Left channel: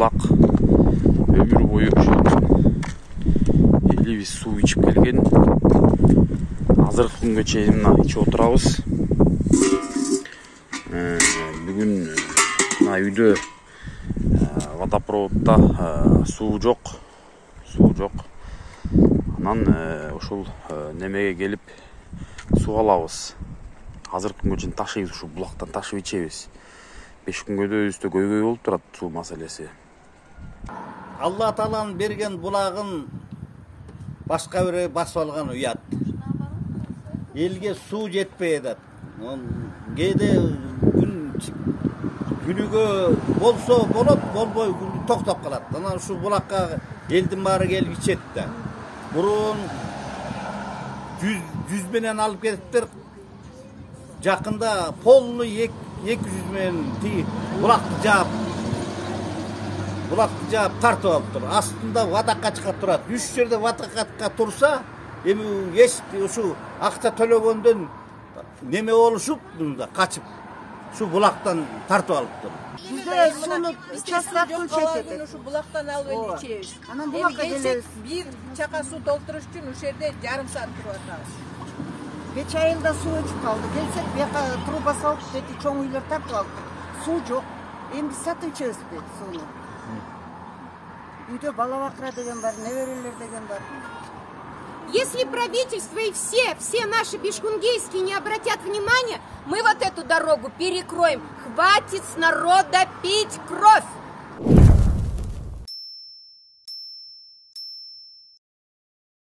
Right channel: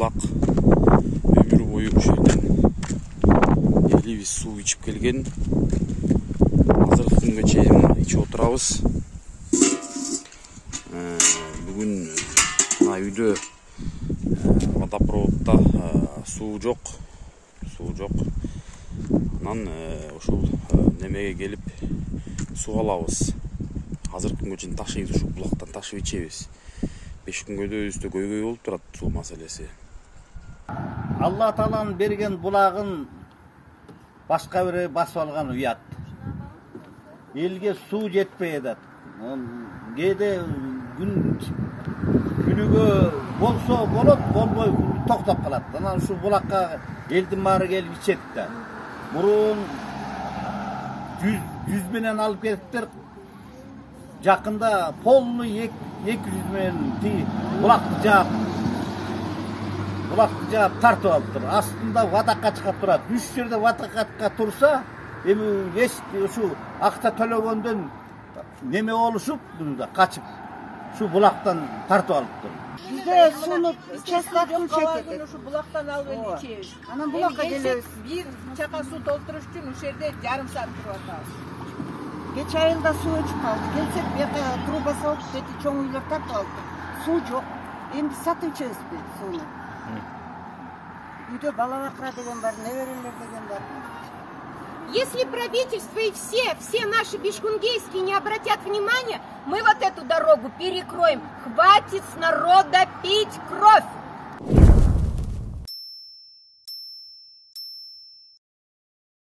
булак өмүр бою ошол элибиз суу ичип келген. Азыркы күнгө чейин мына ичип отурабыз. Бүгүн мына үйдө водопроводдо суу жок. Анан ушул немеге келип суу алабыз. Азыркы күнгө чейин ташыйбыз, ушу булактан ташып ичебиз. 5 күнгө да өзүбүздө көйгөй болуп турат суу маселеси. Алла Тааланын берген булагын башка бири басып алган уят. Элге суу жетпей атат. Кээде күнүгө болсо болот, болбой токтоп калат. Анан ушу булакка элдин баары келип ичет да. Мурун 100 менен алып кетиптер. Жакында полный 200 менен булакты жаап тартып алыптыр. Астында ватакка чыгып турат. 3 жерде ватакка турса, эми эч ушу акча төлөгөндөн неме болушуп, мында качып şu bulaktan tartып alıptır. Bizde sunu çestakını çekip. Şu bulaktan alıp içiyoruz. Anam bulakka geliyoruz. Bir çaka su dolduruş için üşerde yarım saat duracağız. Geçen ayında su içip kaldı. Gelsek bir truba salıp dedi, çoğun uylar tartып aldık. Su yok. Şimdi satı içiyoruz dedi sunu. Үйде бала бакыра деген бар, неберелер деген бар. Если правительство и все наши бишкунгейские не обратят внимания, мы вот эту дорогу перекроем. Хватит с народа пить кровь!